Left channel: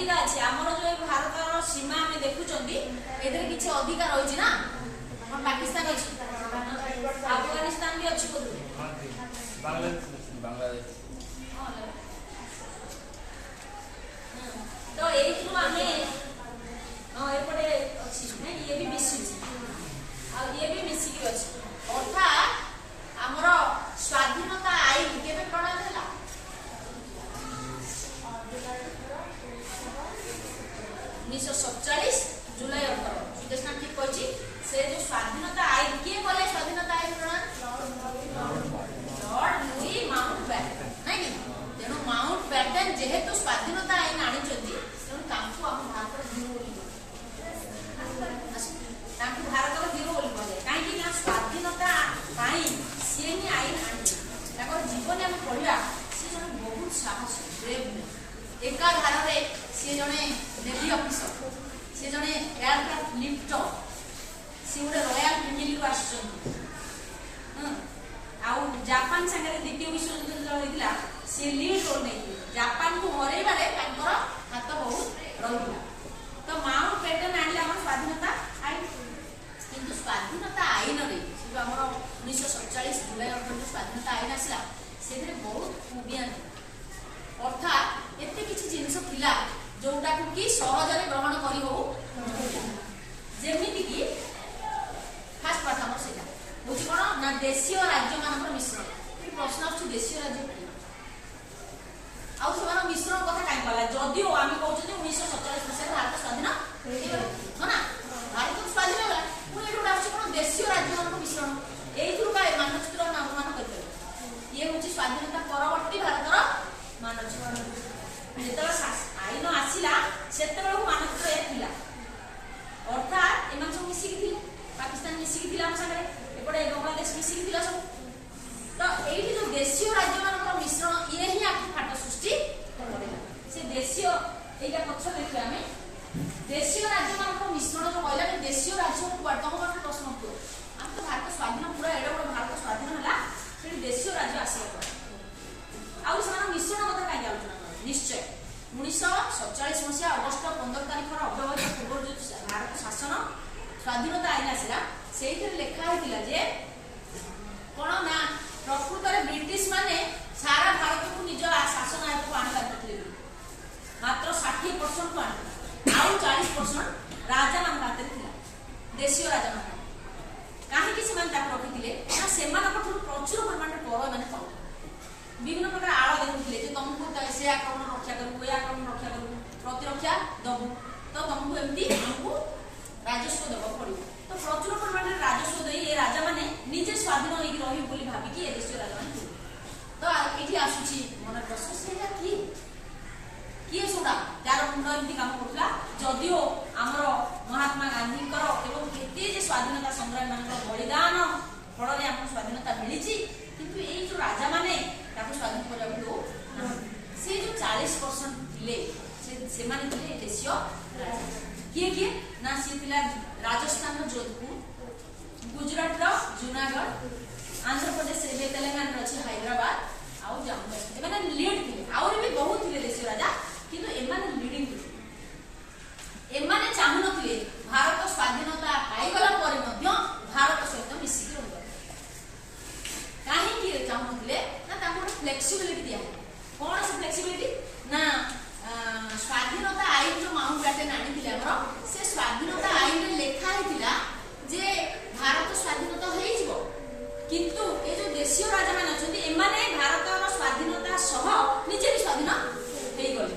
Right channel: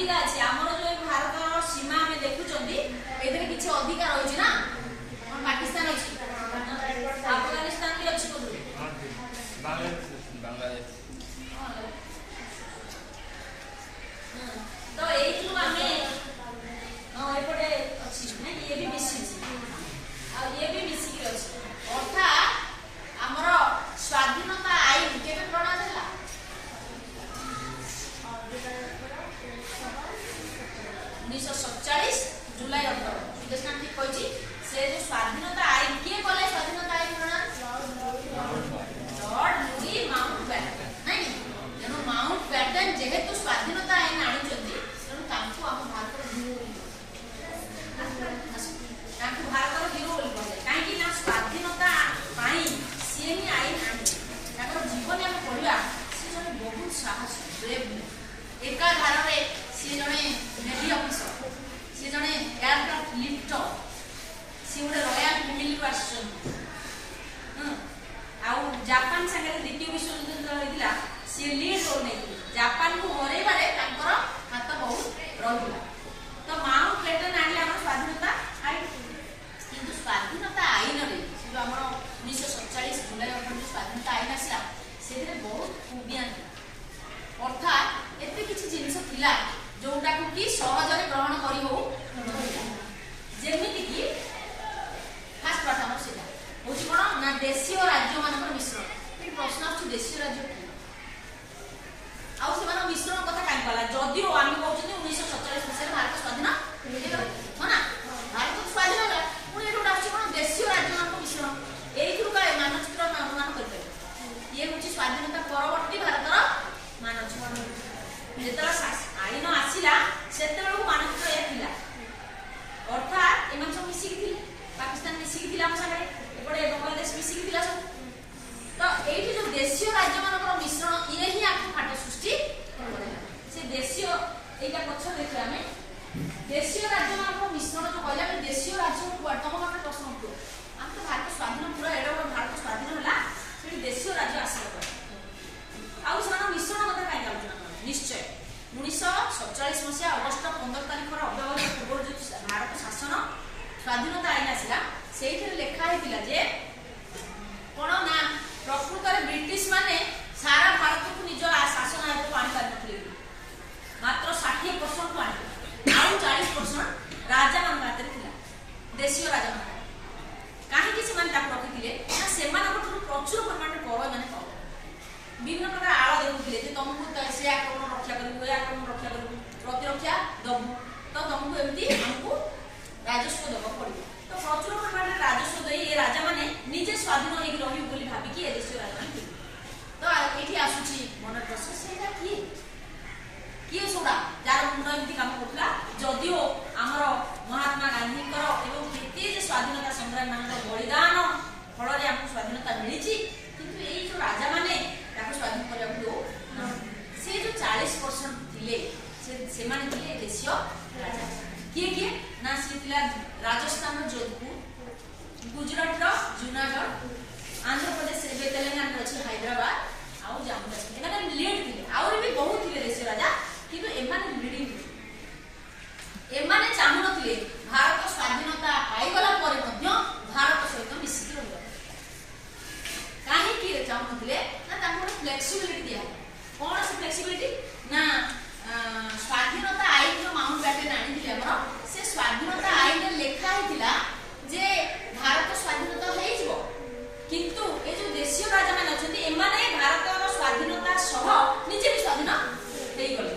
अधिकार अछि हमर जो भारत सीमा में देखुचंदी एदरे किछ अधिकार होइछि ना हम पाकिस्तान अछि अफगानिस्तान भी अछि बोलु बांग्लादेश तो एइथु हमें एपटे अछि ना ये भी मिसी आ ये भी मिसी के अछि अर्थात हमर स्वाधीनता आईन केबे प्रणयन होला 1947 जुलाई 18 विदेशनाथ ठीक कहछि से जो स्वाधीनता आईन के बोले स्वाधीनता आईन प्रणयन लॉर्ड लुई माउंटबैटन नहीं तेणु माउंटबैटन जेहेतु स्वाधीनता आईन आनिचंती तेणु तांकु हम भारत हिरो बोली तांकु भारत हिरो बोली बोले काहे कि ना स्वाधीनता पाई से ही आईन आनि ताकर जीवन हम पढिला से जने बहुत साहस ब्रेव एका घर रे से जने नेवी ऑफिसर से जने एयरक्राफ्ट लिफ्टर से गोटे रॉयल फैमिली को आछन आउ जापान संगे द्वितीय विश्व युद्ध होइदिला से लीड रोल नै जापान को हरे बारे तांकर हाथ बहुत रहिला तो माउंटबैटन आनले हमर स्वाधीनता आईन किंतु स्वाधीनता आईन रे जो हमर 1947 जुलाई 18 स्वाधीनता आईन आसिला सेरे बहुत खूबियां अर्थात एते किछि जिंस थिला जोटा को कि सहजरे ग्रहण करी हो जेमिति कि खास पाठ हमर सेटा होछि कोन ना देशीय राज्य मानकर मिश्रण ए प्रश्न अछि देशीय राज्य कि आउ सेमान मिश्रण कथा काई पाला जदिओ आमी कहउछि 1947 मसिया भारत स्वाधीन हो ना भारत स्वाधीन होला पुनी एटा अछि कोन देशीय राज्य मानकर मिश्रण एइथुर का मानचित्र मान करते ये होछि स्वाधीनता परवर्ती भारतर मानचित्र जेतला आईन आसिला सेतेबेला मानचित्र ए थिला अर्थात एमान सब मिसी थिले पाकिस्तान मिसी थिला हम संगे एपडे बांग्लादेश मिसी थिला सब तो एठी जो देशीय राज्य मानकर मिश्रण ये ही आखु फाट सृष्टि करेला से देशीय एटा पक्ष देखला हमें देशीय राज्य मानकर मिश्रण जो कहला कि देशीय राज्य को वर्तमान में प्रश्न उठो हम तो भारत स्वाधीन पूरा एडो भारत स्वाधीन होला से देशीय राज्य आसिला पर आउ समान मिश्रण कथा काई जाउछन निश्चय 1947 मसिया अगस्त 15 तारिख अव्यवहित पूर्व जो भारत शासन स्वाधीनता आईन आसिला सेइथरे लेखा हेतिला जे कोन ना प्रकृत रे ब्रिटिश माने सारा भारत को निज शासन आयत को आनि पारथले मात्र 60% को आनि आउ 40% राजा मान हाते थिला देशीय राजा मान काहे कि सेमान ताक रखिथिले ना सेमान को प्रचुर परिमाण कर माने पाउ विभिन्न प्रकार आळ देउथिले जे तुमको से आक्रमण रक्षा करू ए आक्रमण रक्षा करू प्रतिरक्षा दबु तो तुमको एमती हमको राजस्व देबो पड़िबो तो प्रचुर परिमाण राजस्व देई ए राजा माने निजे स्वाधीन होई रही बोली भाबी कि ए देश राजा माने तो एठी आसुची मन प्रश्न सेटा की सोडा जार मुंड एमती काम करथला जदिओ हमर महात्मा गांधी कर एवं केते जे स्वाधीनता संग्राम मानकर बलिदान फल रे हम स्वाधीनता मिलिची किंतु एई जो राजा माने ताको स्वाधीन करबा दो से जो 40% थिले से माने थिले देशीय राजा किए ना से थिला राजस्थान रो जोधपुर गुजरात रो जूनागढ़ आंध्र प्रदेश रे तेलंगाना रो हैदराबाद आउ जम्मू कश्मीर एमाने लीड थिले और भी बहुत थिले देशीय राजा किंतु एमाने लीडिंग थिले एमाने चाहु नथिले भारत स्वाधीनता पाई गला परे मध्य भारत सहित मिसी रहबा काहे कि चाहु नथिले ना ताको फ्लेक्सिबिलिटी दिया कोन से फ्लेक्सिबिलिटी ना स्वाधीनता आईन जो माउंटबैटन आनी दिले हमर से स्वाधीनता आईन रे लेखा हितिला जे भारत स्वाधीनता हेइ जिवो किंतु ए जो देशीय राजा मान अछथि एमाने भारतर स्वाधीनता सह निजे भी स्वाधीन हेइ गले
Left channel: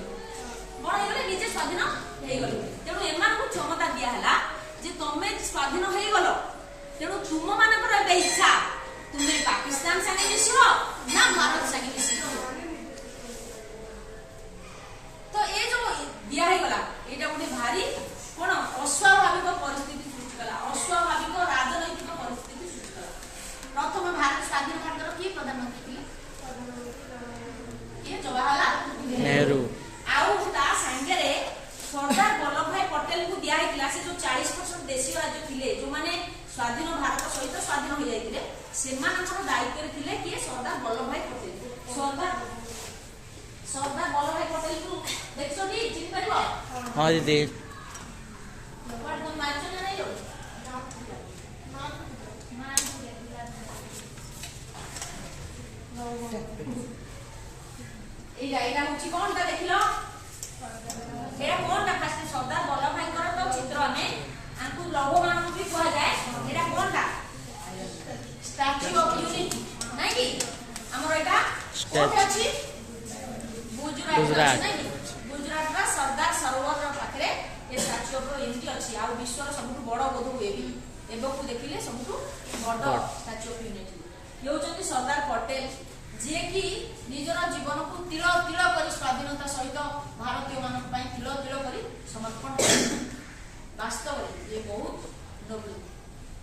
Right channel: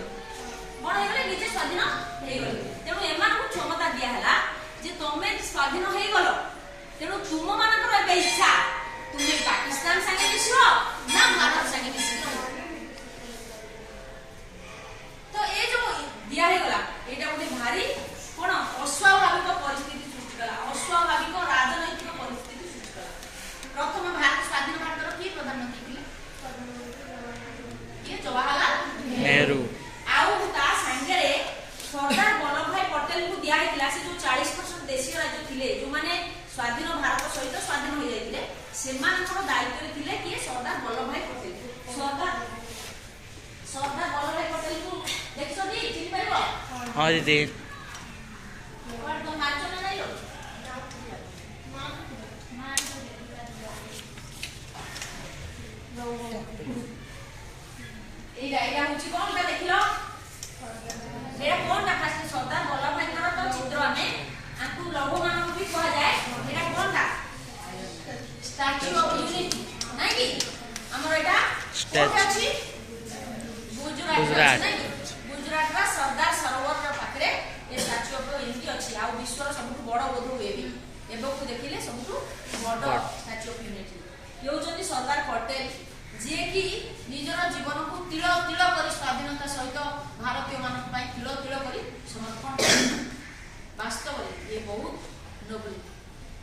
कोन हेले निजे स्वाधीन हेइ गले तेणु एमान को क्षमता दिया हला जे तमे स्वाधीन हेइ गलो तेणु तुम मानकर ए इच्छा तुम्हें पाकिस्तान संगे मिसो ना भारत संगे मिसो तो ए जो दिया हे गला एटा गोटे भारी कोन अस्वाभाविक परिस्थिति सृष्टि कला अस्वाभाविक राजनैतिक परिस्थिति सृष्टि कला प्रथम भारत स्वाधीन भारतर की प्रधानमंत्री थिले ये जवाहरलाल नेहरू आउ ता संगे रे सरदार वल्लभ भाई पटेल को दिया हेतिला से जो 40% देशीय राज्य थिले जो माने स्वाधीन भारत सहित स्वाधीन हो जाइतिले सेमानकर दायित्व रे थिले कि सरदार वल्लभ भाई पटेल सरदार वल्लभभाई पटेल को देखछो टी चिन्ह परबो हाँ दीदी एकदम नाचो ना नहीं लो एटा होची कोनटा देखिलो एटा कोनटा फास्ट सरदार वल्लभभाई कर तो चित्र हमें आंकु लौह मानव भी कहा जाए एटा कोनटा स्टैच्यू ऑफ यूनिटी नहीं कि हमर एटा कोठे अछि गुजरात नहीं गुजरात रा सरदार सरोवर रा पाखरे ए स्टैच्यू ऑफ यूनिटी अछि आ विश्वर सबु बड़ बोध हुए भी एबो को देखिले सबु बड़ स्टैच्यू ऑफ यूनिटी यो जति सरदार पटेल जे कि निजर जीवन को तिल तिल करी स्वाधीनता सहित भारतीय मानक पई तिल तिल करी समर्पण वास्तव ये बहुत नोबल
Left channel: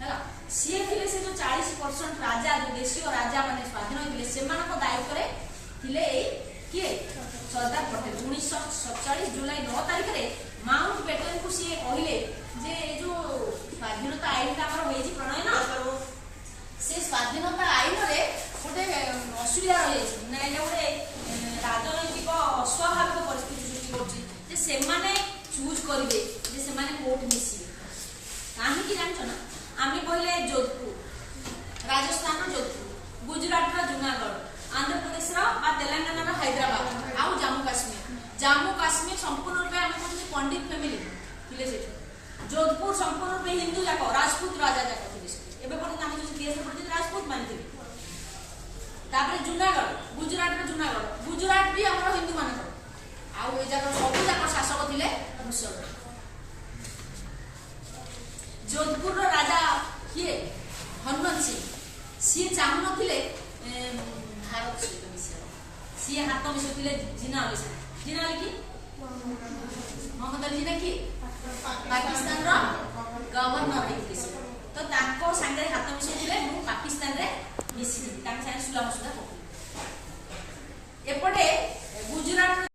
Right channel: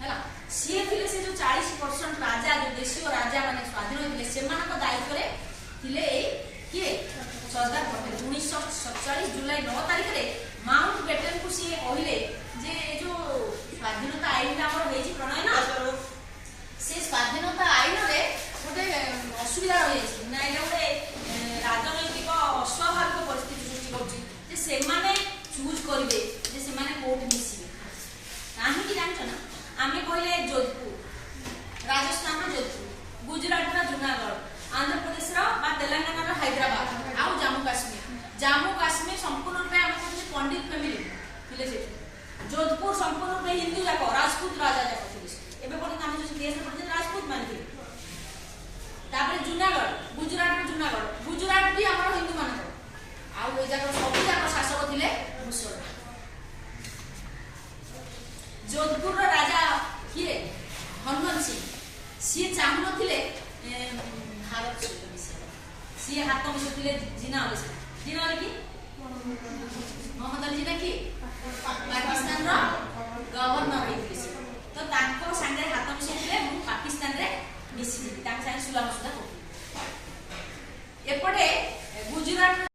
हैला से थिले से जो 40% राजा जो देशीय राजा माने स्वाधीन होइले सेमानक दायित्व रे थिले ए किए सरदार पटेल 1947 जुलाई 9 तारिख रे माउंट बेटन को से कहिले जे जो स्वाधीनता आईन हमर होइछि प्रणयन से स्वाधीनता आईन रे गोटे असुविधा रही ना गोटे राजनैतिक अस्वाभाविक परिस्थिति सृष्टि होची जे सेमाने चूज करिवे जे सेमाने कोर्ट मिसिबे काहे कि जानछ ना आमे कहले जोधपुर राजस्थान रो जोधपुर गुजरात रो जूनागढ़ आंध्र प्रदेश रो बा तेलंगाना रो हैदराबाद आउ जम्मू काश्मीर संपूर्ण रूपे आमे कहले पंडित फैमिली थिले से जोधपुर संपूर्ण रूपे हिंदू जाको राजपूत राजा जाको थिले एबे कोन नाम जो केस पड़ते राजपूत मानथिले तापर जूनागढ़ गुजरात भी हमर हिंदू मान आउ ए जाको सब जाको शासक थिले मुसलमान जोधपुर रो राजा किए हनुमान सिंह सी चाहु नथिले भारत सहित मिसे सी हाथ मिसुथिले जिना ओले की मोहम्मद अली जिना की पाकिस्तान रो गवर्नर हेतिले तो ताको संगे हाथ मिसुथिले मु पाकिस्तान रे मिसी ताक संगे सुला मसुला हो एपटे गुजरात